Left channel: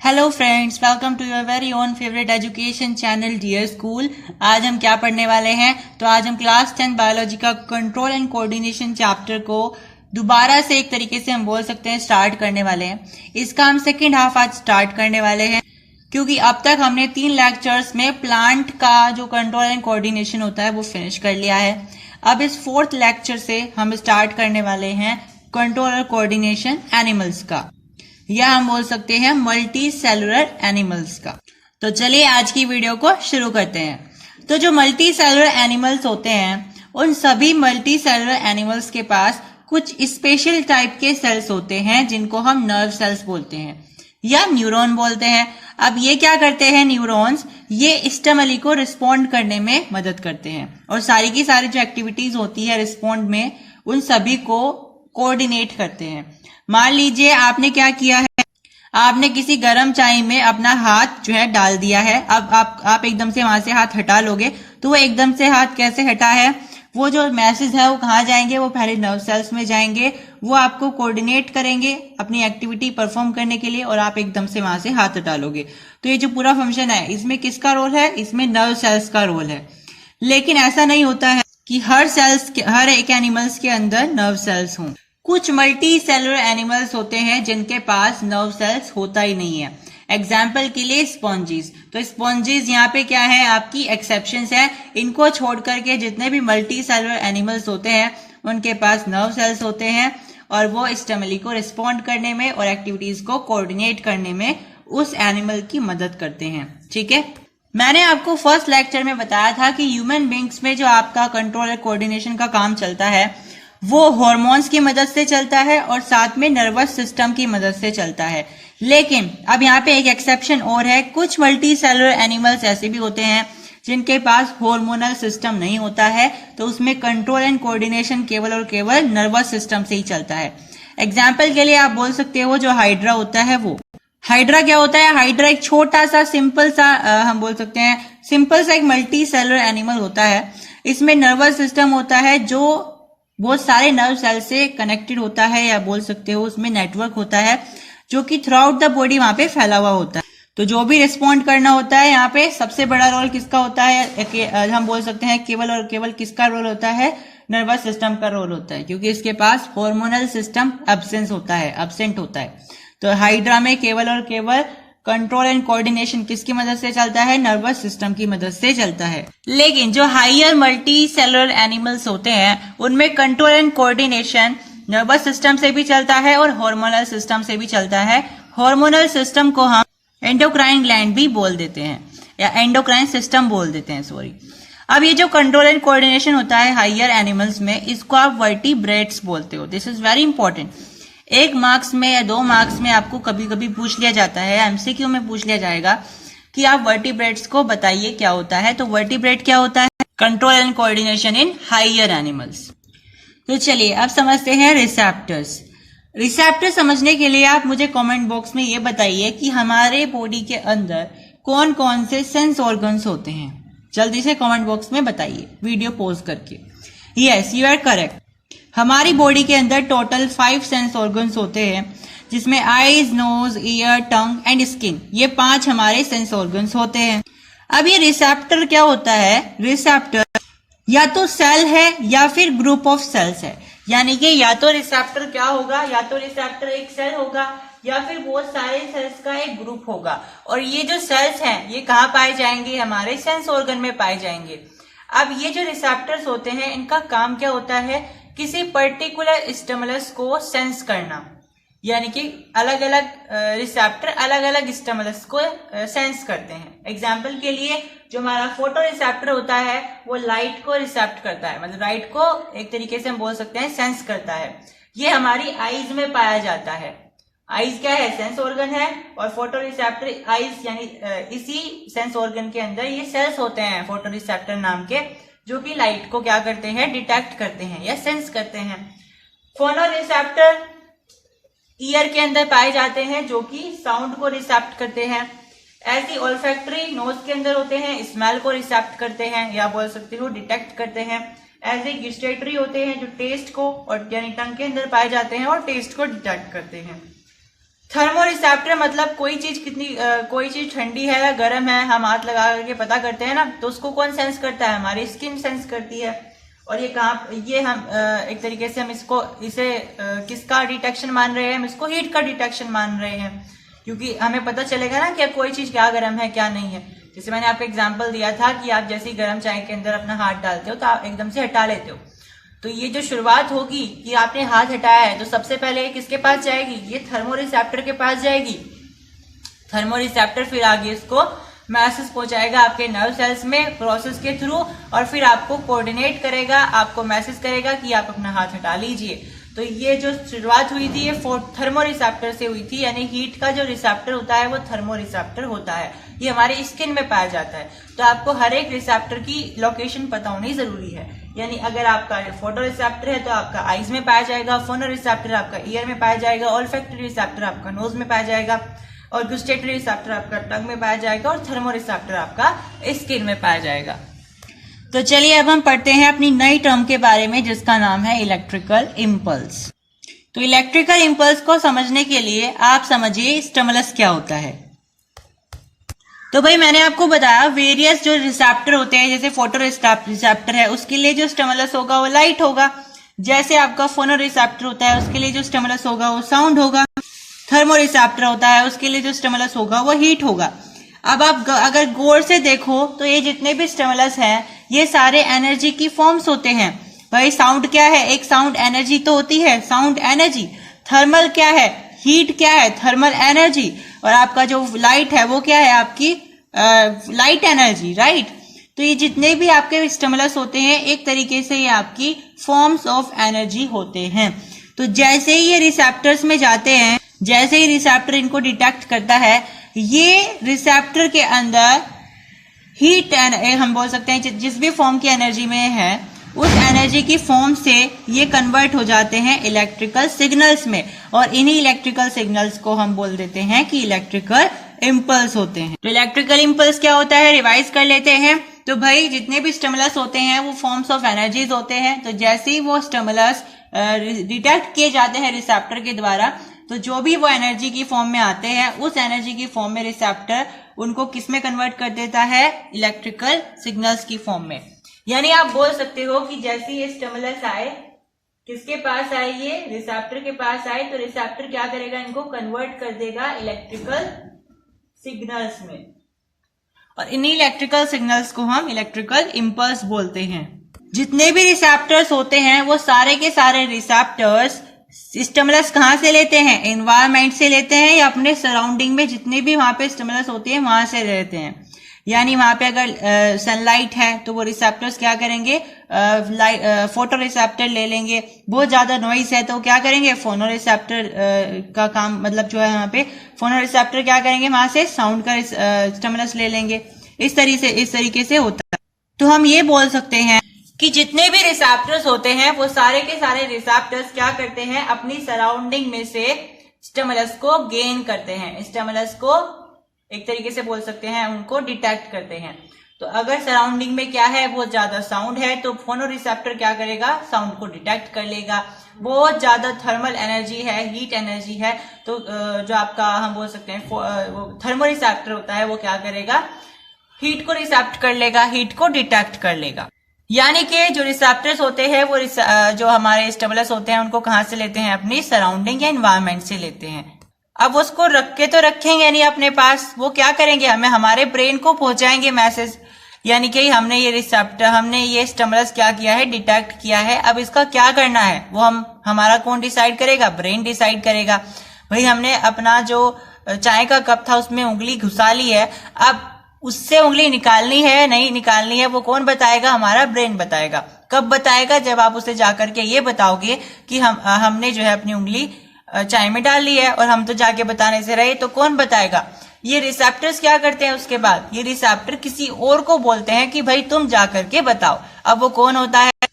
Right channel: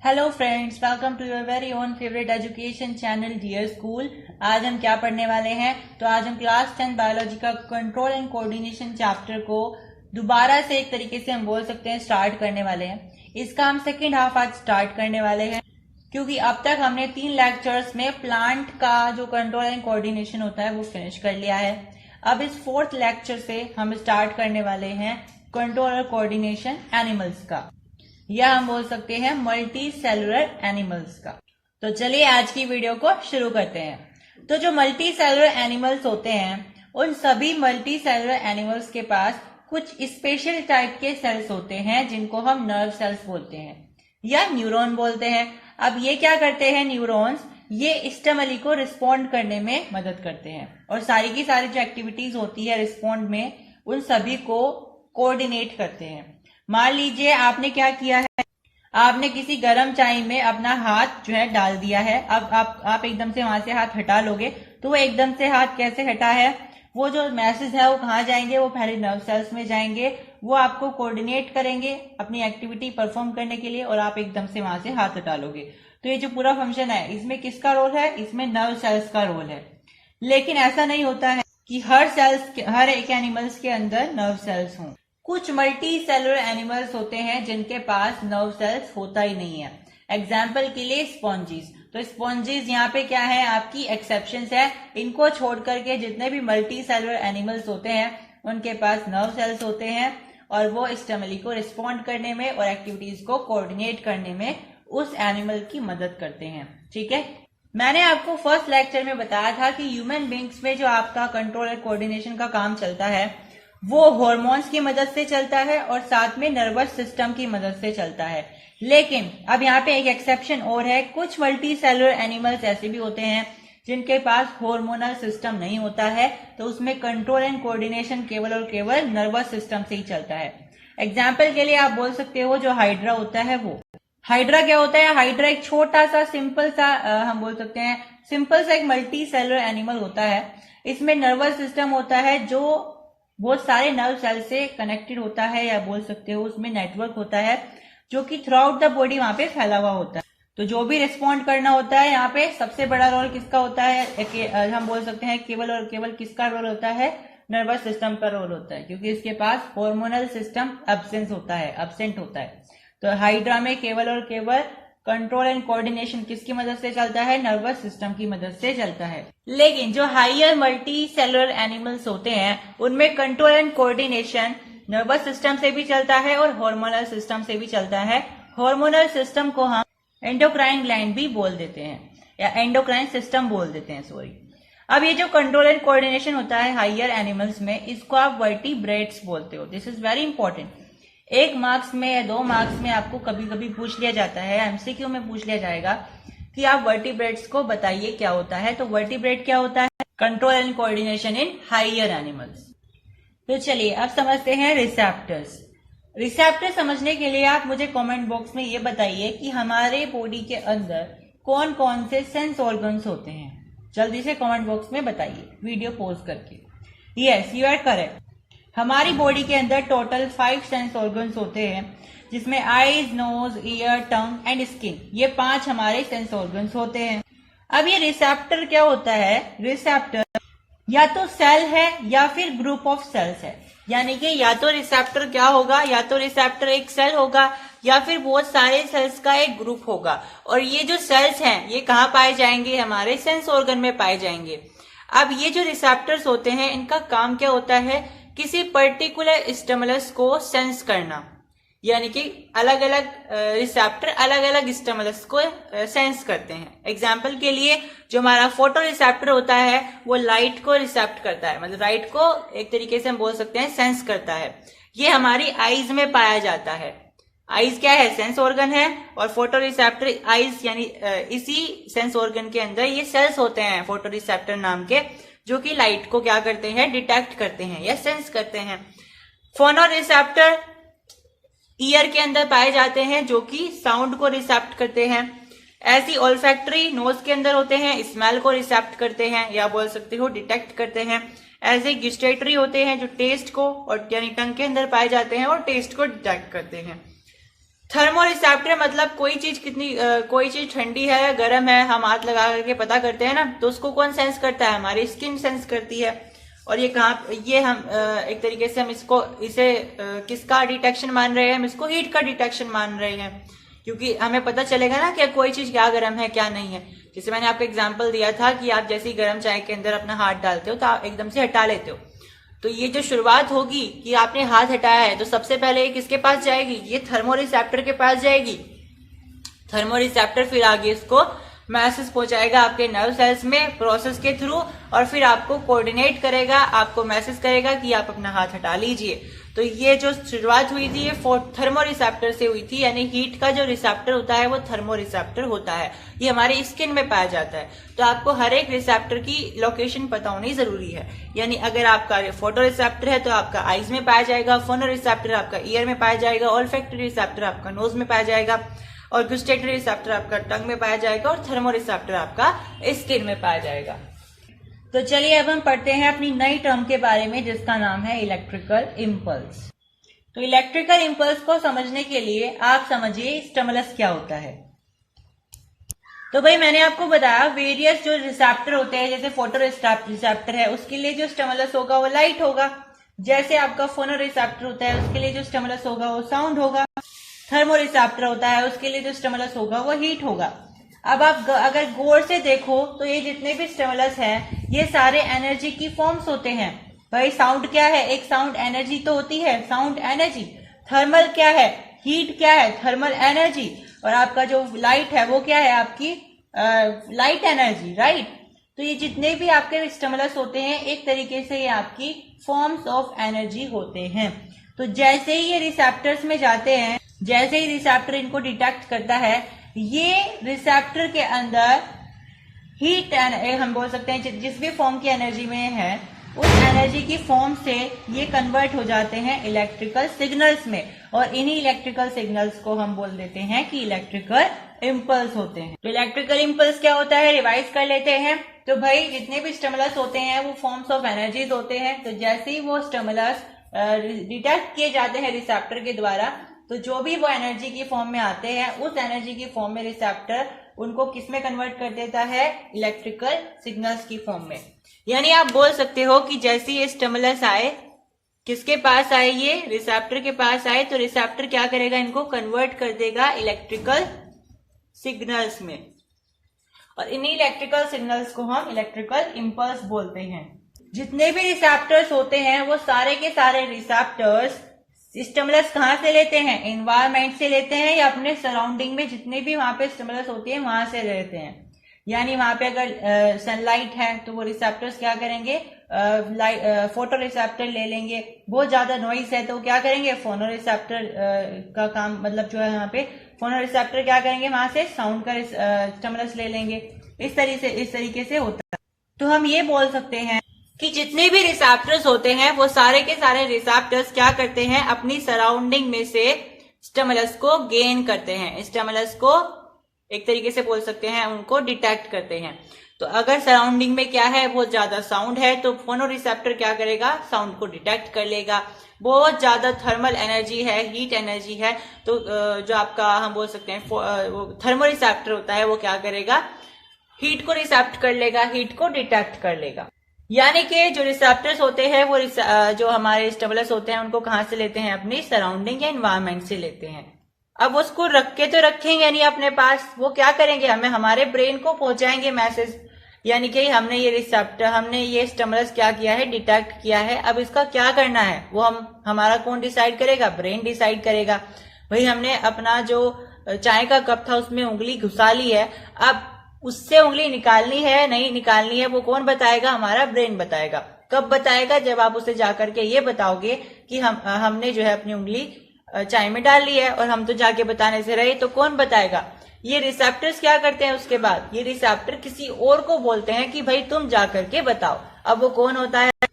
Hello friends, welcome to your very own favourite education channel dear school. आज हम क्या पढ़ने वाले हैं? तो आज हम क्लास 10 बायोलॉजी का कंट्रोल एंड कोऑर्डिनेशन चैप्टर को दोबारा से एक तरीके से हम बोल सकते हैं स्टार्ट करने वाले हैं। इसका हम सेकेंड हाफ आज स्टार्ट करने वाले हैं, क्योंकि अब तक हमने 3 लेक्चर्स में प्लांट का जो कंट्रोल एंड कोऑर्डिनेशन होता है वो फिनिश कर लिया है। अब इस 4th लेक्चर से हम स्टार्ट करने वाले हैं कंट्रोल और कोऑर्डिनेशन एनिमल्स का, या हम बोल सकते हैं मल्टी सेलुलर एनिमल्स का। तो चलिए आज की वीडियो को शुरू करते हैं। तो जो मल्टी सेलुलर एनिमल्स होते हैं, उन सभी मल्टी सेलुलर एनिमल्स के पास कुछ स्पेशल टाइप के सेल्स होते हैं जिनको हम नर्व सेल्स बोलते हैं या न्यूरॉन बोलते हैं। अब ये क्या करते हैं न्यूरॉन्स? ये स्टिमुली को रिस्पॉन्ड करने में मदद करते हैं और सारी की सारी जो एक्टिविटीज होती है रिस्पॉन्ड में, उन सभी को कोऑर्डिनेट करते हैं। मान लीजिए आपने क्या किया है, आपने किसी गर्म चाय में अपना हाथ जो है डाल दिया है। अब आप एकदम से वहां से हाथ हटा लोगे तो वो एकदम से हाथ कैसे हटा है? वो जो मैसेज है वो कहाँ जाएंगे? वो पहले नर्व सेल्स में जाएंगे, वो आपको कोऑर्डिनेट करेंगे अपनी एक्टिविटी परफॉर्म करने के लिए, और आप एकदम से वहां से हाथ हटा लोगे। तो ये जो पूरा फंक्शन है, इसमें किसका रोल है? इसमें नर्व सेल्स का रोल है। लेकिन ऐसा नहीं होता है कि हर एक एनिमल्स के अंदर नर्व सेल्स हों। कुछ मल्टी सेलुलर एनिमल्स होते हैं जिनके पास नर्व सेल्स होता ही नहीं है। एग्जाम्पल के लिए स्पॉन्जीज। तो स्पॉन्जीज यहाँ पे क्या है? आपकी एक्सेप्शंस है। इनको छोड़ करके जितने भी मल्टी सेलुलर एनिमल्स होते हैं उनके पास नर्व सेल्स होते हैं, और वो स्टिमुली को रिस्पॉन्ड करने में और एक्टिविटीज को कोऑर्डिनेट करने में उस एनिमल की मदद करते हैं। ठीक है, मैंने आपको फर्स्ट लेक्चर में बताया था कि ह्यूमन बींग्स में जो आपका कंट्रोल और कोऑर्डिनेशन का काम चलता है वो हार्मोन्स की मदद से चलता है और साथ में नर्वस सिस्टम की मदद से चलता है। लेकिन अब यहाँ पे एक एक्सेप्शन और है। कुछ मल्टी सेलुलर एनिमल्स ऐसे भी होते हैं जिनके पास हार्मोनल सिस्टम नहीं होता है, तो उसमें कंट्रोल एंड कोऑर्डिनेशन केवल और केवल नर्वस सिस्टम से ही चलता है। एग्जाम्पल के लिए आप बोल सकते हो जो हाइड्रा होता है वो। हाइड्रा क्या होता है? हाइड्रा एक छोटा सा सिंपल सा हम बोल सकते हैं सिंपल सा एक मल्टी सेलुलर एनिमल होता है। इसमें नर्वस सिस्टम होता है जो बहुत सारे नर्व सेल से कनेक्टेड होता है, या बोल सकते हो उसमें नेटवर्क होता है जो कि थ्रू आउट द बॉडी वहां पे फैला हुआ होता है। तो जो भी रिस्पॉन्ड करना होता है, यहाँ पे सबसे बड़ा रोल किसका होता है? हम बोल सकते हैं केवल और केवल किसका रोल होता है? नर्वस सिस्टम का रोल होता है, क्योंकि इसके पास हार्मोनल सिस्टम एब्सेंट होता है। तो हाइड्रा में केवल और केवल कंट्रोल एंड कोऑर्डिनेशन किसकी मदद से चलता है? नर्वस सिस्टम की मदद से चलता है। लेकिन जो हायर मल्टी सेलुलर एनिमल्स होते हैं उनमें control and coordination nervous system से भी चलता है और हार्मोनल सिस्टम से भी चलता है। हार्मोनल सिस्टम को हम एंडोक्राइन ग्लैंड भी बोल देते हैं, या एंडोक्राइन सिस्टम बोल देते हैं, सॉरी। अब ये जो कंट्रोल एंड कोऑर्डिनेशन होता है हायर एनिमल्स में, इसको आप वर्टिब्रेट्स बोलते हो। This is very important. 1 marks में या 2 मार्क्स में आपको कभी कभी पूछ लिया जाता है, एमसीक्यू में पूछ लिया जाएगा कि आप वर्टिब्रेट्स को बताइए क्या होता है। तो वर्टिब्रेट क्या होता है? Control and coordination in higher animals. तो चलिए अब समझते हैं रिसेप्टर्स। रिसेप्टर समझने के लिए आप मुझे कमेंट बॉक्स में ये बताइए कि हमारे बॉडी के अंदर कौन कौन से सेंस ऑर्गन्स होते हैं। जल्दी से कमेंट बॉक्स में बताइए वीडियो पॉज करके। Yes, you are correct. हमारी बॉडी के अंदर टोटल 5 सेंस ऑर्गन्स होते हैं, जिसमें eyes, nose, ear, tongue and skin, ये 5 हमारे सेंस ऑर्गन्स होते हैं। अब ये रिसेप्टर क्या होता है? रिसेप्टर या तो सेल है या फिर ग्रुप ऑफ सेल्स है। यानी कि या तो रिसेप्टर क्या होगा? या तो रिसेप्टर एक सेल होगा या फिर बहुत सारे सेल्स का एक ग्रुप होगा। और ये जो सेल्स हैं ये कहाँ पाए जाएंगे? हमारे सेंस ऑर्गन में पाए जाएंगे। अब ये जो रिसेप्टर्स होते हैं इनका काम क्या होता है? किसी पर्टिकुलर स्टिमुलस को सेंस करना, यानी कि अलग अलग रिसेप्टर अलग अलग स्टिमुलस को सेंस करते हैं। एग्जाम्पल के लिए जो हमारा फोटो रिसेप्टर होता है वो लाइट को रिसेप्ट करता है, मतलब लाइट को एक तरीके से हम बोल सकते हैं सेंस करता है। ये हमारी आईज में पाया जाता है। आईज क्या है? सेंस ऑर्गन है, और फोटो रिसेप्टर आईज यानी इसी सेंस ऑर्गन के अंदर ये सेल्स होते हैं फोटो रिसेप्टर नाम के, जो कि लाइट को क्या करते हैं? डिटेक्ट करते हैं या सेंस करते हैं। फोनो रिसेप्टर ईयर के अंदर पाए जाते हैं, जो कि साउंड को रिसेप्ट करते हैं। ऐसी ओल्फैक्टरी नोज के अंदर होते हैं, स्मेल को रिसेप्ट करते हैं या बोल सकते हो डिटेक्ट करते हैं। ऐसे गुस्टेटरी होते हैं जो टेस्ट को और यानी टंग के अंदर पाए जाते हैं और टेस्ट को डिटेक्ट करते हैं। थर्मो रिसेप्टर मतलब कोई चीज ठंडी है या गर्म है, हम हाथ लगा करके पता करते हैं ना, तो उसको कौन सेंस करता है? हमारी स्किन सेंस करती है। और ये हम एक तरीके से हम इसे किसका डिटेक्शन मान रहे हैं? हम इसको हीट का डिटेक्शन मान रहे हैं, क्योंकि हमें पता चलेगा ना कि कोई चीज क्या गर्म है क्या नहीं है। जैसे मैंने आपको एग्जांपल दिया था कि आप जैसे ही गर्म चाय के अंदर अपना हाथ डालते हो तो आप एकदम से हटा लेते हो, तो ये जो शुरुआत होगी कि आपने हाथ हटाया है, तो सबसे पहले किसके पास जाएगी? ये थर्मो रिसेप्टर के पास जाएगी। थर्मो रिसेप्टर फिर आगे इसको मैसेज पहुंचाएगा आपके नर्व सेल्स में प्रोसेस के थ्रू, और फिर आपको कोऑर्डिनेट करेगा, आपको मैसेज करेगा कि आप अपना हाथ हटा लीजिए। तो ये जो शुरुआत हुई थी ये थर्मो रिसेप्टर से हुई थी, यानी हीट का जो रिसेप्टर होता है वो थर्मो रिसेप्टर होता है। ये हमारे स्किन में पाया जाता है। तो आपको हर एक रिसेप्टर की लोकेशन पता होनी जरूरी है। यानी अगर आपका फोटो रिसेप्टर है तो आपका आईज में पाया जाएगा, फोनो रिसेप्टर आपका ईयर में पाया जाएगा, ऑल्फैक्टरी रिसेप्टर आपका नोज में पाया जाएगा, और गुस्टेटरी रिसेप्टर आपका टंग में पाया जाएगा, और थर्मो रिसेप्टर आपका स्किन में पाया जाएगा। तो चलिए अब हम पढ़ते हैं अपनी नई टर्म के बारे में, जिसका नाम है इलेक्ट्रिकल इम्पल्स। तो इलेक्ट्रिकल इम्पल्स को समझने के लिए आप समझिए स्टिमुलस क्या होता है। तो भाई मैंने आपको बताया वेरियस जो रिसेप्टर होते हैं, जैसे फोटो रिसेप्टर है उसके लिए जो स्टिमुलस होगा वो लाइट होगा, जैसे आपका फोनो रिसेप्टर होता है उसके लिए जो स्टिमुलस होगा वो साउंड होगा, थर्मो रिसेप्टर होता है उसके लिए जो स्टिमुलस होगा वो हीट होगा। अब आप अगर गौर से देखो तो ये जितने भी स्टिमुलस हैं ये सारे एनर्जी की फॉर्म्स होते हैं। भाई साउंड क्या है? एक साउंड एनर्जी तो होती है, साउंड एनर्जी। थर्मल क्या है? हीट क्या है? Thermal energy. और आपका जो लाइट है वो क्या है? आपकी लाइट एनर्जी, राइट। तो ये जितने भी आपके स्टिमुलस होते हैं एक तरीके से ये आपकी फॉर्म्स ऑफ एनर्जी होते हैं। तो जैसे ही ये रिसेप्टर्स में जाते हैं, जैसे ही रिसेप्टर इनको डिटेक्ट करता है, ये रिसेप्टर के अंदर हीट हम बोल सकते हैं जिस भी फॉर्म की एनर्जी में है उस एनर्जी की फॉर्म से ये कन्वर्ट हो जाते हैं इलेक्ट्रिकल सिग्नल्स में, और इन्हीं इलेक्ट्रिकल सिग्नल्स को हम बोल देते हैं कि इलेक्ट्रिकल इम्पल्स होते हैं। तो इलेक्ट्रिकल इम्पल्स क्या होता है, रिवाइज कर लेते हैं। तो भाई जितने भी स्टिमुलस होते हैं वो फॉर्म्स ऑफ एनर्जीज होते हैं। तो जैसे ही वो स्टिमुलस डिटेक्ट किए जाते हैं रिसेप्टर के द्वारा, तो जो भी वो एनर्जी की फॉर्म में आते हैं उस एनर्जी की फॉर्म में रिसेप्टर उनको किस में कन्वर्ट कर देता है? इलेक्ट्रिकल सिग्नल्स की फॉर्म में। यानी आप बोल सकते हो कि जैसे ये स्टिमुलस आए, किसके पास आए? ये रिसेप्टर के पास आए, तो रिसेप्टर क्या करेगा? इनको कन्वर्ट कर देगा इलेक्ट्रिकल सिग्नल्स में, और इन्हीं इलेक्ट्रिकल सिग्नल्स को हम इलेक्ट्रिकल इम्पल्स बोलते हैं। जितने भी रिसेप्टर्स होते हैं वो सारे के सारे रिसेप्टर्स स्टिमुलस कहाँ से लेते हैं? एनवायरमेंट से लेते हैं, या अपने सराउंडिंग में जितने भी वहां पे स्टिमुलस होते हैं वहां से लेते हैं। यानी वहां पे अगर सनलाइट है तो वो रिसेप्टर्स क्या करेंगे? फोटो रिसेप्टर ले लेंगे। बहुत ज्यादा नॉइज है तो क्या करेंगे? फोनो रिसेप्टर का काम, मतलब जो है यहाँ पे फोनो रिसेप्टर क्या करेंगे? वहां से साउंड का स्टिमुलस ले लेंगे। इस तरीके से होता है। तो हम ये बोल सकते हैं कि जितने भी रिसेप्टर्स होते हैं वो सारे के सारे रिसेप्टर्स क्या करते हैं? अपनी सराउंडिंग में से स्टिमुलस को गेन करते हैं, स्टिमुलस को एक तरीके से बोल सकते हैं उनको डिटेक्ट करते हैं। तो अगर सराउंडिंग में क्या है? वो ज्यादा साउंड है तो फोनो रिसेप्टर क्या करेगा? साउंड को डिटेक्ट कर लेगा। बहुत ज्यादा थर्मल एनर्जी है, हीट एनर्जी है, तो जो आपका हम बोल सकते हैं थर्मो रिसेप्टर होता है वो क्या करेगा? हीट को रिसेप्ट कर लेगा, हीट को डिटेक्ट कर लेगा। यानी कि जो रिसेप्टर्स होते हैं वो जो हमारे स्टिमुलस होते हैं उनको कहाँ से लेते हैं? अपनी सराउंडिंग या एनवायरमेंट से लेते हैं। अब उसको रख के तो रखेंगे नहीं अपने पास, वो क्या करेंगे? हमारे ब्रेन को पहुंचाएंगे मैसेज, यानी कि हमने ये स्टिमुलस क्या किया है? डिटेक्ट किया है। अब इसका क्या करना है वो हमारा कौन डिसाइड करेगा? ब्रेन डिसाइड करेगा। भाई हमने अपना जो चाय का कप था उसमें उंगली घुसा ली है, अब उससे उंगली निकालनी है नहीं निकालनी है वो कौन बताएगा? हमारा ब्रेन बताएगा। कब बताएगा? जब आप उसे जाकर के ये बताओगे कि हमने जो है अपनी उंगली चाय में डाल ली है, और हम तो जाके बताने से रहे, तो कौन बताएगा? ये रिसेप्टर्स क्या करते हैं? उसके बाद ये रिसेप्टर किसी और को बोलते हैं कि भाई तुम जाकर के बताओ। अब वो कौन होता है?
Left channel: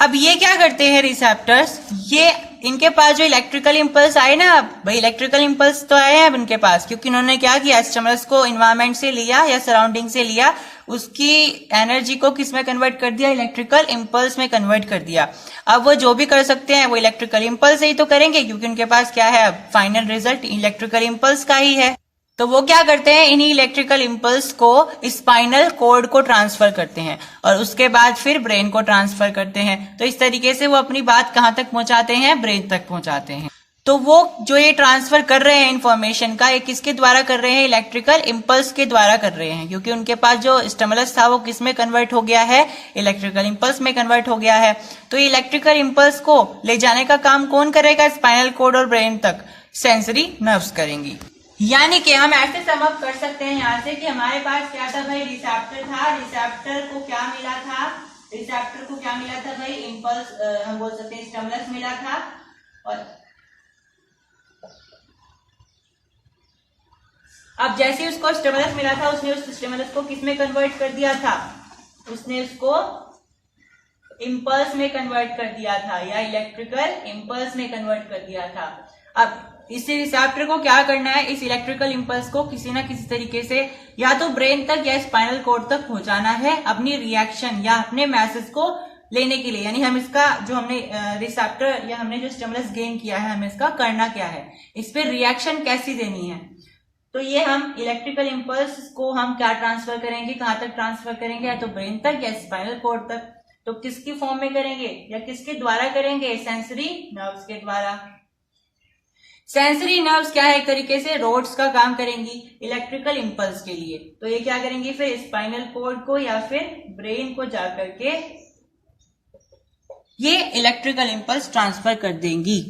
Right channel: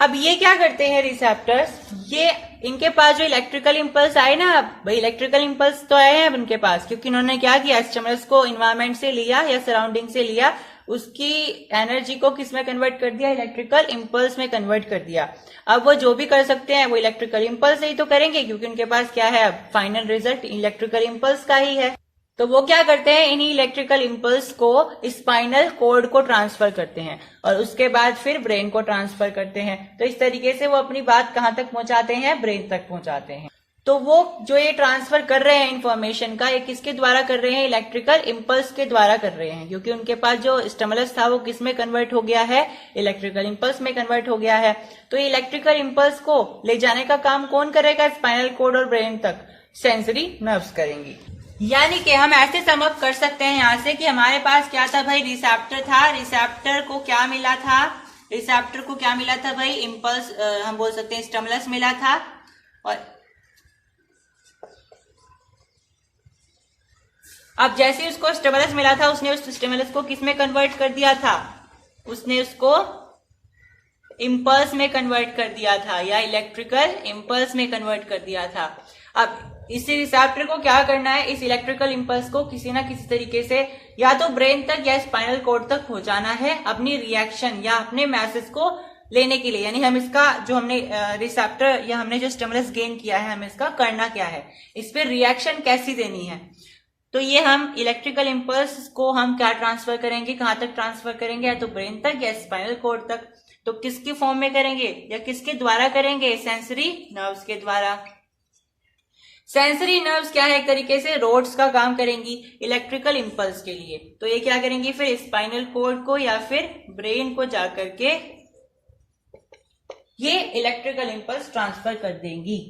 अब ये क्या करते हैं रिसेप्टर्स, ये इनके पास जो इलेक्ट्रिकल इंपल्स आए ना, अब भाई इलेक्ट्रिकल इंपल्स तो आए हैं अब इनके पास, क्योंकि इन्होंने क्या किया, स्टिमुलस को इन्वायरमेंट से लिया या सराउंडिंग से लिया, उसकी एनर्जी को किस में कन्वर्ट कर दिया, इलेक्ट्रिकल इंपल्स में कन्वर्ट कर दिया। अब वो जो भी कर सकते हैं वो इलेक्ट्रिकल इंपल्स से ही तो करेंगे, क्योंकि उनके पास क्या है, अब फाइनल रिजल्ट इलेक्ट्रिकल इंपल्स का ही है। तो वो क्या करते हैं, इन्हीं इलेक्ट्रिकल इंपल्स को स्पाइनल कॉर्ड को ट्रांसफर करते हैं और उसके बाद फिर ब्रेन को ट्रांसफर करते हैं। तो इस तरीके से वो अपनी बात कहां तक पहुंचाते हैं, ब्रेन तक पहुंचाते हैं। तो वो जो ये ट्रांसफर कर रहे हैं इंफॉर्मेशन का, ये किसके द्वारा कर रहे हैं, इलेक्ट्रिकल इंपल्स के द्वारा कर रहे हैं, क्योंकि उनके पास जो स्टिमुलस था वो किस में कन्वर्ट हो गया है, इलेक्ट्रिकल इंपल्स में कन्वर्ट हो गया है। तो ये इलेक्ट्रिकल इंपल्स को ले जाने का काम कौन करेगा, स्पाइनल कॉर्ड और ब्रेन तक सेंसरी नर्व्स करेंगी। यानी कि हम ऐसे सम अप कर सकते हैं यहां से कि हमारे पास क्या था भाई, रिसेप्टर था, रिसेप्टर को क्या मिला था, रिसेप्टर को क्या मिला था भाई, इंपल्स, हम बोल सकते हैं स्टिमुलस मिला था। और अब जैसे उसको स्टिमुलस मिला था, उसने उस स्टिमुलस को किस में कन्वर्ट कर दिया था, उसने उसको इंपल्स में कन्वर्ट कर दिया था या इलेक्ट्रिकल इंपल्स में कन्वर्ट कर दिया था। अब इस रिसेप्टर को क्या करना है, इस इलेक्ट्रिकल इंपल्स को किसी ना किसी तरीके से या तो ब्रेन तक या स्पाइनल कॉर्ड तक पहुंचाना है अपनी रिएक्शन या अपने मैसेज को लेने के लिए। यानी हम इसका जो हमने रिसेप्टर या हमने जो स्टिमुलस गेन किया है, हमें इसका करना क्या है, इस पर रिएक्शन कैसी देनी है। तो ये हम इलेक्ट्रिकल इंपल्स को हम क्या ट्रांसफर करेंगे, कहां तक ट्रांसफर करेंगे, या तो ब्रेन तक या स्पाइनल कॉर्ड तक। तो किसकी फॉर्म में करेंगे या किसके द्वारा करेंगे, सेंसरी नर्व्स के द्वारा। सेंसरी नर्व्स क्या है, एक तरीके से रोड्स का काम करेंगी इलेक्ट्रिकल इंपल्स के लिए। तो ये क्या करेंगी, फिर स्पाइनल कॉर्ड को या फिर ब्रेन को जाकर के ये इलेक्ट्रिकल इंपल्स ट्रांसफर कर देंगी।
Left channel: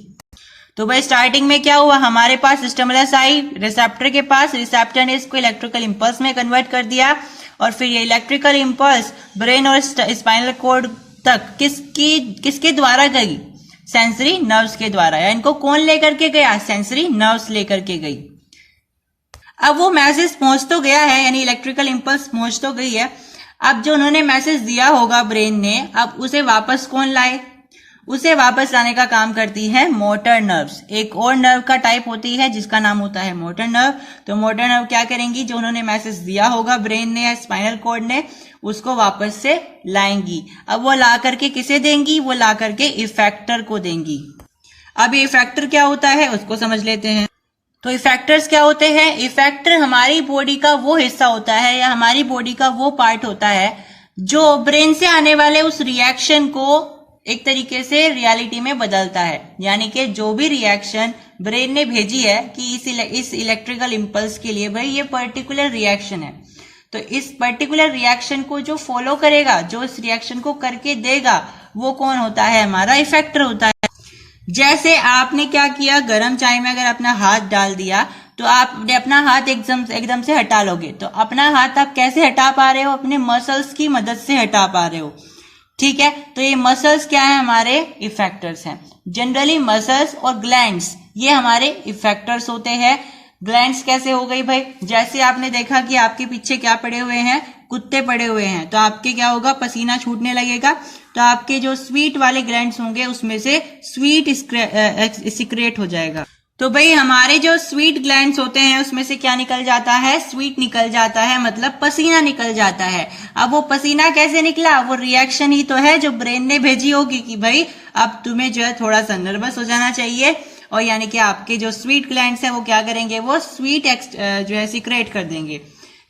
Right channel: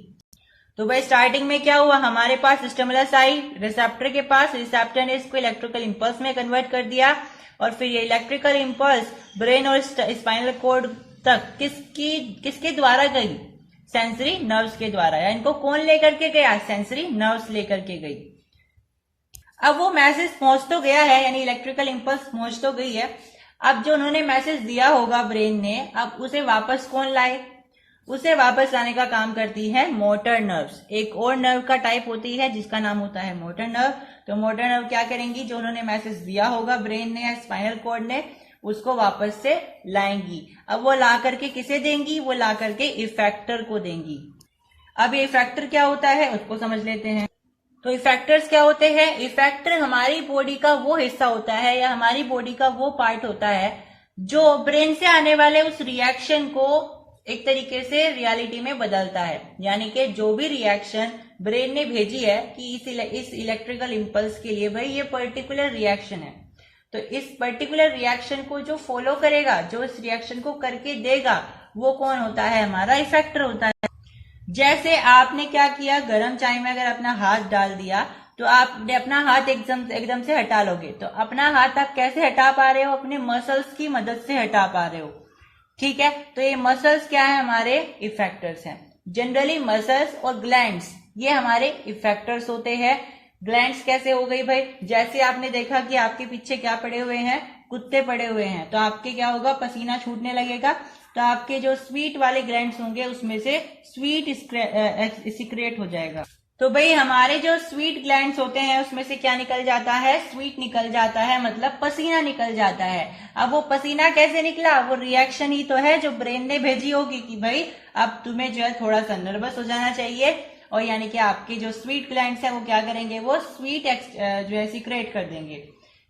तो भाई स्टार्टिंग में क्या हुआ, हमारे पास स्टिमुलस आई रिसेप्टर के पास, रिसेप्टर ने इसको इलेक्ट्रिकल इंपल्स में कन्वर्ट कर दिया और फिर ये इलेक्ट्रिकल इंपल्स ब्रेन और स्पाइनल कॉर्ड तक किसके द्वारा गई, सेंसरी नर्व्स के द्वारा। या इनको कौन लेकर के गया, सेंसरी नर्व्स लेकर के गई। अब वो मैसेज पहुंच तो गया है, यानी इलेक्ट्रिकल इंपल्स पहुंच तो गई है। अब जो उन्होंने मैसेज दिया होगा ब्रेन ने, अब उसे वापस कौन लाए, उसे वापस लाने का काम करती है मोटर नर्व्स। एक और नर्व का टाइप होती है जिसका नाम होता है मोटर नर्व। तो मोटर नर्व क्या करेंगी, जो उन्होंने मैसेज दिया होगा ब्रेन ने या स्पाइनल कॉर्ड ने, उसको वापस से लाएंगी। अब वो ला करके किसे देंगी, वो ला करके इफेक्टर को देंगी। अब ये इफेक्टर क्या होता है उसको समझ लेते हैं। तो इफेक्टर्स क्या होते हैं, इफेक्टर हमारी बॉडी का वो हिस्सा होता है या हमारी बॉडी का वो पार्ट होता है जो ब्रेन से आने वाले उस रिएक्शन को एक तरीके से रियलिटी में बदलता है। यानी कि जो भी रिएक्शन ब्रेन ने भेजी है कि इस इलेक्ट्रिकल इंपल्स के लिए भाई ये पर्टिकुलर रिएक्शन है, तो इस पर्टिकुलर रिएक्शन को जो फॉलो करेगा, जो इस रिएक्शन को करके देगा, वो कौन होता है, हमारा इफेक्टर होता है। जैसे आपने क्या किया, गर्म चाय में अगर अपना हाथ डाल दिया तो आपने अपना हाथ एकदम से हटा लोगे, तो अपना हाथ आप कैसे हटा पा रहे हो, अपने मसल्स की मदद से हटा पा रहे हो। ठीक है, तो ये मसल्स क्या है, हमारे इफेक्टर्स हैं। जनरली मसल्स और ग्लैंड्स ये हमारे इफेक्टर्स होते हैं। ग्लैंड्स कैसे हो गई भाई, जैसे आपने देखा कि आपके पीछे क्या पड़े हुए हैं, कुत्ते पड़े हुए हैं, तो आपके क्या होगा, पसीना छूटने लगेगा, तो आपके जो स्वीट वाले ग्लैंड्स होंगे उसमें से स्वीट सिक्रेट हो जाएगा। तो भाई हमारे जो स्वीट ग्लैंड्स होते हैं उसमें से क्या निकल जाता है, स्वीट निकल जाता है, मतलब पसीना निकल जाता है। अब वो पसीना कैसे निकला, वो रिएक्शन ही तो है जो ब्रेन ने भेजी होगी कि भाई अब तुम्हें जो है थोड़ा सा नर्वस हो जाना चाहिए, और यानी कि आपके जो स्वीट ग्लैंड्स हैं वो क्या करेंगे, वो स्वीट जो है सिक्रेट कर देंगे,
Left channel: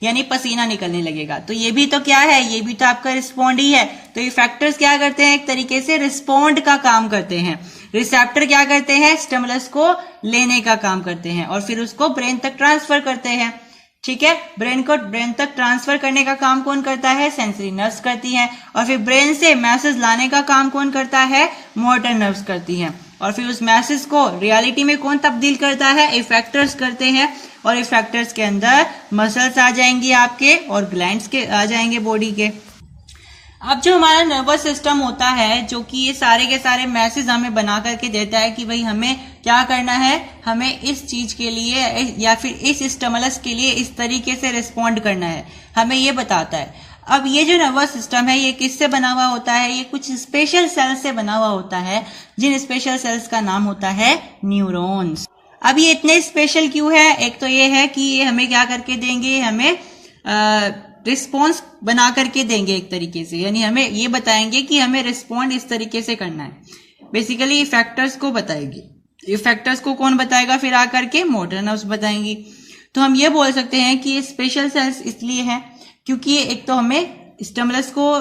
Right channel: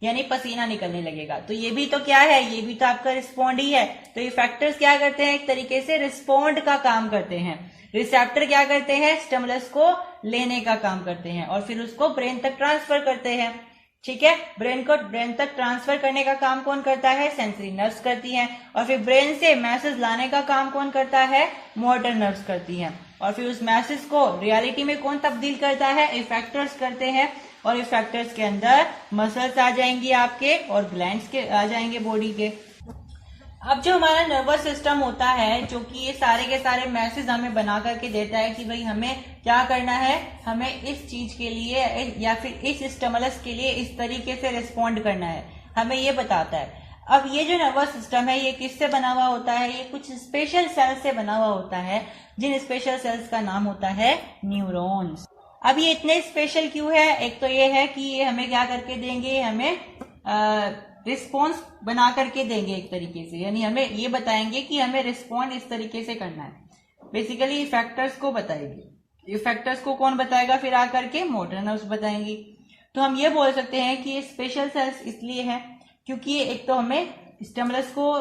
यानी पसीना निकलने लगेगा। तो ये भी तो क्या है, ये भी तो आपका रिस्पॉन्ड ही है। तो इफेक्टर्स क्या करते हैं, एक तरीके से रिस्पॉन्ड का काम करते हैं। रिसेप्टर क्या करते हैं, स्टिमुलस को लेने का काम करते हैं और फिर उसको ब्रेन तक ट्रांसफर करते हैं। ठीक है, ब्रेन तक ट्रांसफर करने का काम कौन करता है, सेंसरी नर्व्स करती हैं, और फिर ब्रेन से मैसेज लाने का काम कौन करता है, मोटर नर्व्स करती हैं, और फिर उस मैसेज को रियलिटी में कौन तब्दील करता है, इफेक्टर्स करते हैं। और इफेक्टर्स के अंदर मसल्स आ जाएंगे आपके और ग्लैंड्स के आ जाएंगे बॉडी के। अब जो हमारा नर्वस सिस्टम होता है, जो कि ये सारे के सारे मैसेज हमें बना करके देता है कि भाई हमें क्या करना है, हमें इस चीज के लिए या फिर इस स्टिमुलस के लिए इस तरीके से रिस्पॉन्ड करना है, हमें ये बताता है। अब ये जो नर्वस सिस्टम है ये किससे बना हुआ होता है? ये कुछ स्पेशल सेल्स से बना हुआ होता है, जिन स्पेशल सेल्स का नाम होता है न्यूरॉन्स। अब ये इतने स्पेशल क्यों है? एक तो ये है कि ये हमें क्या करके देंगे, हमें रिस्पॉन्स बना करके देंगे एक तरीके से, यानी हमें ये बताएंगे कि हमें रिस्पॉन्ड इस तरीके से करना है। बेसिकली इफेक्टर्स को बताएगी। इफेक्टर्स को कौन बताएगा? फिर आकर के मोटर नर्व्स बताएंगी। तो हम ये बोल सकते हैं कि ये स्पेशल सेल्स इसलिए है क्योंकि एक तो हमें स्टिमुलस को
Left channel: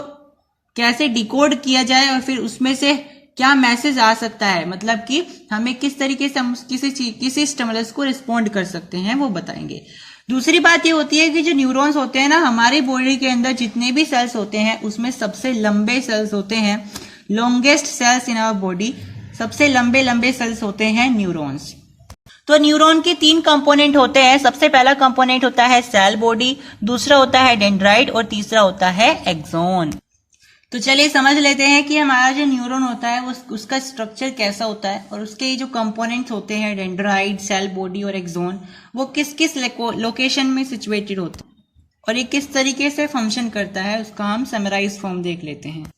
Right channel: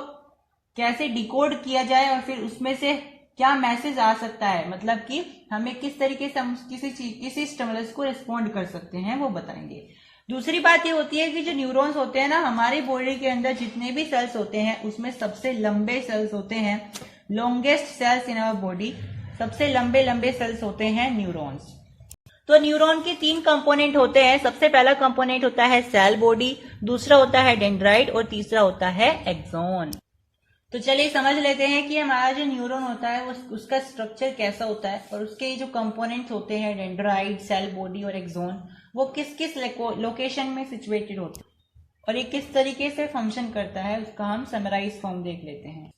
कैसे डिकोड किया जाए और फिर उसमें से क्या मैसेज आ सकता है, मतलब कि हमें किस तरीके से हम किसी स्टिमुलस को रिस्पॉन्ड कर सकते हैं, वो बताएंगे। दूसरी बात ये होती है कि जो न्यूरॉन्स होते हैं ना, हमारी बॉडी के अंदर जितने भी सेल्स होते हैं उसमें सबसे लंबे सेल्स होते हैं, longest cells in our body, सबसे लंबे लंबे सेल्स होते हैं न्यूरॉन्स। तो न्यूरॉन के 3 कंपोनेंट होते हैं। सबसे पहला कंपोनेंट होता है सेल बॉडी, दूसरा होता है डेंड्राइट और तीसरा होता है एक्सोन। तो चलिए समझ लेते हैं कि हमारा जो न्यूरॉन होता है वो उसका स्ट्रक्चर कैसा होता है और उसके जो कंपोनेंट्स होते हैं डेंड्राइट, सेल बॉडी और एक्सोन, वो किस किस लोकेशन में सिचुएटेड होते हैं और ये किस तरीके से फंक्शन करता है, उसका हम समराइज फॉर्म देख लेते हैं।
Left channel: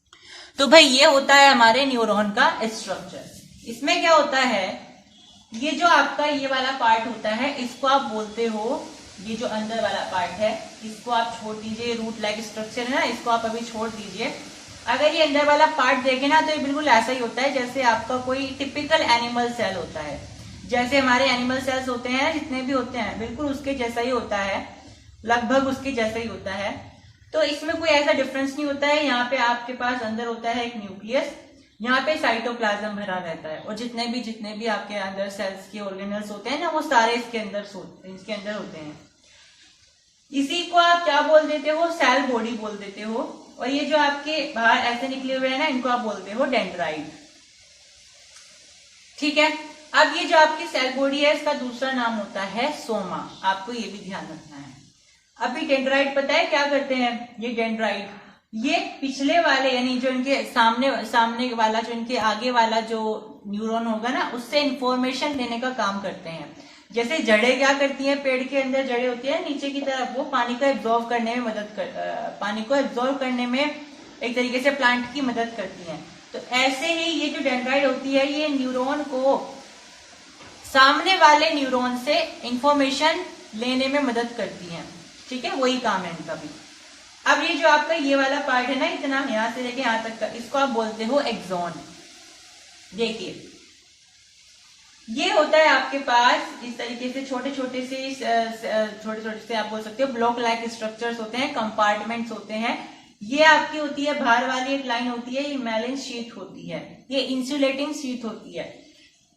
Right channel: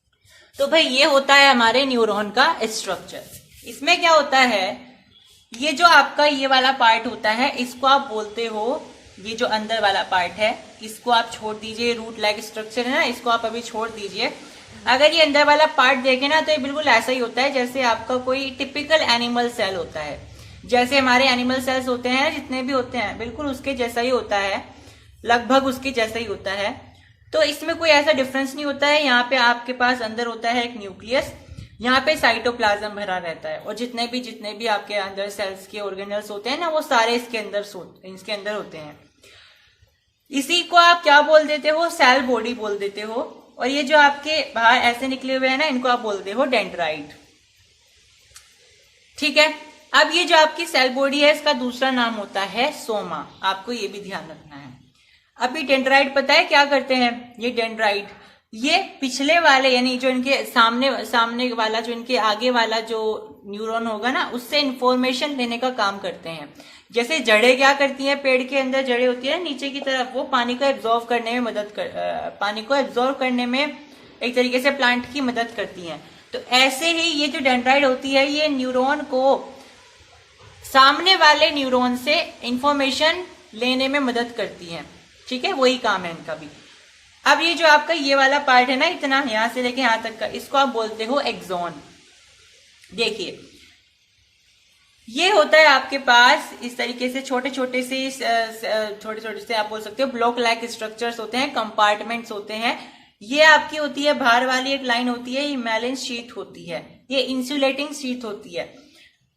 तो भाई ये होता है हमारे न्यूरॉन का स्ट्रक्चर। इसमें क्या होता है, ये जो आपका ये वाला पार्ट होता है इसको आप बोलते हो, ये जो अंदर वाला पार्ट है इसको आप छोड़ दीजिए, रूट लाइक स्ट्रक्चर है ना, इसको आप अभी छोड़ दीजिए। अगर ये अंदर वाला पार्ट देखें ना तो ये बिल्कुल ऐसा ही होता है जैसे आपका कोई टिपिकल एनिमल सेल होता है। जैसे हमारे एनिमल सेल्स होते हैं जितने भी होते हैं बिल्कुल उसके जैसा ही होता है, लगभग उसके जैसा ही होता है। तो इसमें कोई ऐसा डिफरेंस नहीं होता है। यहाँ पे आपके पास अंदर होता है एक न्यूक्लियस, यहाँ पे साइटोप्लाज्म भरा रहता है और जितने भी आपके अंदर सेल्स के ऑर्गेनल्स होते हैं ना वो सारे इसके अंदर होते हैं। इसी को आप क्या बोल देते हो? सेल बॉडी बोल देते हो। और ये जो आपके बाहर ऐसे निकले हुए हैं ना, इनको आप बोलते हो डेंड्राइट। ठीक है। अब ये जो आपकी सेल बॉडी है इसका दूसरा नाम होता है सोमा, आपको ये भी ध्यान रखना है। अभी डेंड्राइट पता है क्या करते हैं? ये डेंड्राइट ये पिछले वाले यानी जो इनके सामने वाला, जो इनके आगे वाला जो न्यूरॉन होगा ना, उससे इंफॉर्मेशन लेने का काम करते हैं। जैसे जड़ें क्या करती हैं, पेड़ के अंदर जड़ें होती है नीचे की तरफ, वो पानी को एब्जॉर्व करने में एक तरीके से प्लांट की मदद करती हैं। तो ऐसे ही ये जो डेंड्राइट होती है ये न्यूरॉन को सामने वाले न्यूरॉन से इंफॉर्मेशन लेने में मदद करती हैं। ठीक है, वही काम है इनका भी। अब ये जो आपका ये वाला पार्ट है ना, इतना यहां से लेके यहां तक का, इसको आप बोलते हो एक्सॉन। देखिए ये होता है आपके पास इस तरीके से छोटे छोटे से आप बोल सकते हो ब्लॉक लाइक स्ट्रक्चर्स होते हैं, कंपार्टमेंट्स होते हैं। ये आपकी होती है बाहर वाली एक लाइन होती है, ये मेलिन शीट होती है, ये इंसुलेटिंग शीट होती है।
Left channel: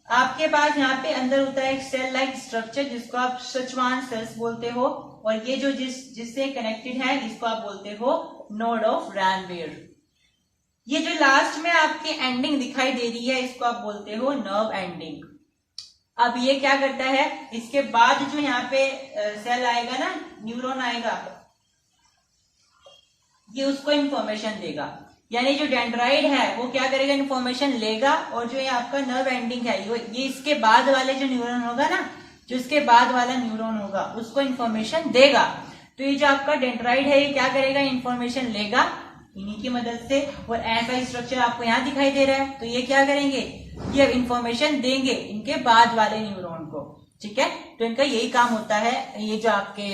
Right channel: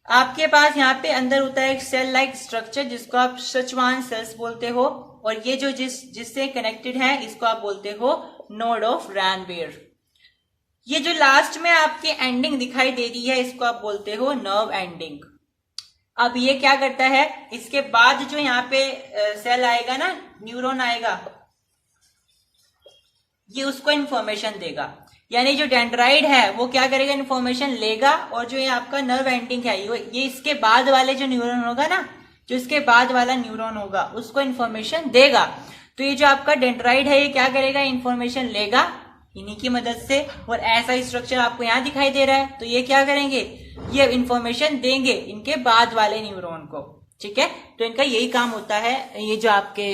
आपके पास यहाँ पे अंदर होता है एक सेल लाइक स्ट्रक्चर जिसको आप सचवान सेल्स बोलते हो, और ये जो जिससे कनेक्टेड है इसको आप बोलते हो नोड ऑफ रैनबेर। ये जो लास्ट में आपकी एंडिंग दिखाई दे रही है इसको आप बोलते हो नर्व एंडिंग। अब ये क्या करता है, इसके बाद जो यहाँ पे सेल आएगा ना, न्यूरॉन आएगा, ये उसको इंफॉर्मेशन देगा। यानी जो डेंड्राइट है वो क्या करेगा, इंफॉर्मेशन लेगा, और जो ये आपका नर्व एंडिंग है ये इसके बाद वाले जो न्यूरॉन होगा ना, जो इसके बाद वाला न्यूरॉन होगा उसको इंफॉर्मेशन देगा। तो ये जो आपका डेंड्राइट है ये क्या करेगा, इंफॉर्मेशन लेगा इन्हीं की मदद से, और ऐसा स्ट्रक्चर आपको यहाँ दिखाई दे रहा है। तो ये क्या करेंगे, ये इंफॉर्मेशन देंगे इनके बाद वाले न्यूरॉन को। ठीक है, तो इनका यही काम होता है। ये जो आपके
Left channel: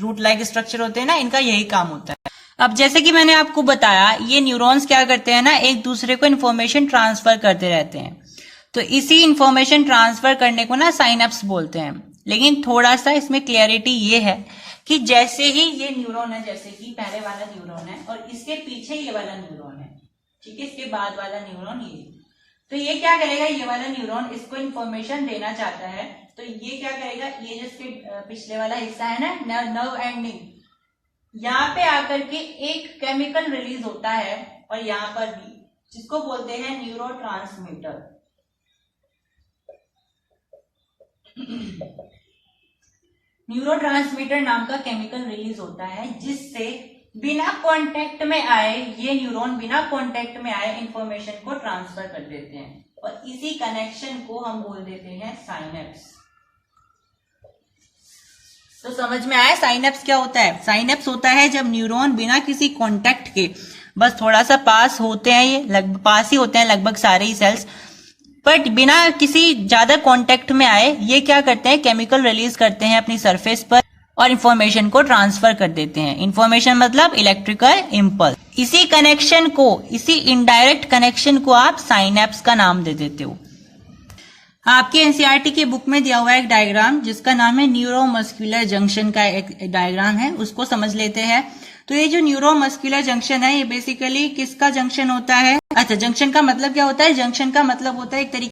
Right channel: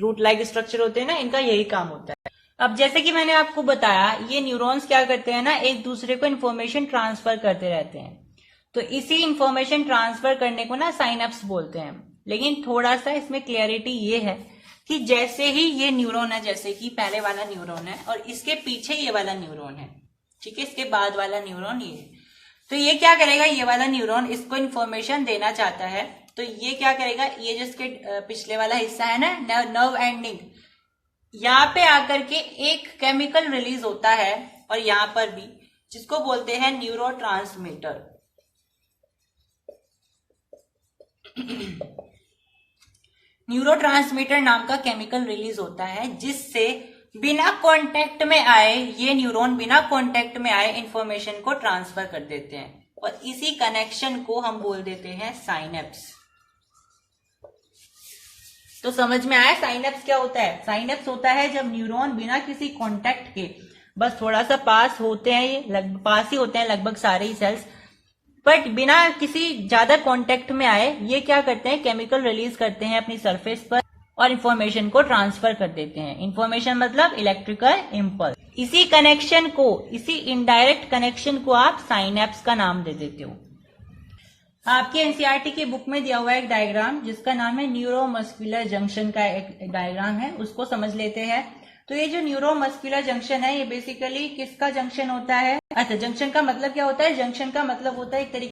रूट लाइक स्ट्रक्चर होते हैं ना, इनका यही काम होता है। अब जैसे कि मैंने आपको बताया, ये न्यूरॉन्स क्या करते हैं ना, एक दूसरे को इन्फॉर्मेशन ट्रांसफर करते रहते हैं। तो इसी इंफॉर्मेशन ट्रांसफर करने को ना साइनैप्स बोलते हैं। लेकिन थोड़ा सा इसमें क्लियरिटी ये है कि जैसे ही ये न्यूरॉन है, जैसे कि पहले वाला न्यूरॉन है और इसके पीछे ये वाला न्यूरॉन है, ठीक है, इसके बाद वाला न्यूरॉन ये, तो ये क्या करेगा, ये वाला न्यूरॉन इसको इन्फॉर्मेशन देना चाहता है। तो ये क्या करेगा, ये जो इसके पिछले वाला हिस्सा है ना, नर्व एंडिंग, यहाँ पे आकर के एक केमिकल रिलीज होता है, और यहाँ पर भी, जिसको बोलते हैं न्यूरोट्रांसमीटर। न्यूरोट्रांसमीटर नाम का केमिकल रिलीज होता है, जिससे बिना कांटेक्ट में आए, ये न्यूरॉन बिना कांटेक्ट में आए इंफॉर्मेशन को ट्रांसफर कर देते हैं, और इसी कनेक्शन को हम बोल देते हैं साइनेप्स। तो समझ में आया साइनेप्स क्या होता है? साइनेप्स होता है जब न्यूरॉन बिना किसी कांटेक्ट के, बस थोड़ा सा पास होते हैं, ये लगभग पास ही होते हैं लगभग सारे ही सेल्स, बट बिना किसी ज्यादा कांटेक्ट में आए ये क्या करते हैं, केमिकल रिलीज करते हैं अपनी सरफेस पर और इंफॉर्मेशन को ट्रांसफर कर देते हैं। इंफॉर्मेशन मतलब इलेक्ट्रिकल इंपल्स। इसी कनेक्शन को, इसी इनडायरेक्ट कनेक्शन को आप साइनेप्स का नाम दे देते हो। आपके एनसीईआरटी की बुक में दिया हुआ है एक डायग्राम जिसका नाम है न्यूरोमस्कुलर जंक्शन का एक डायग्राम है, उसको समझ लेते हैं। तो ये जो न्यूरोमस्कुलर जंक्शन है ये बेसिकली किसका जंक्शन होता है? अच्छा, जंक्शन का मतलब क्या होता है? जंक्शन का मतलब होता है एक तरीके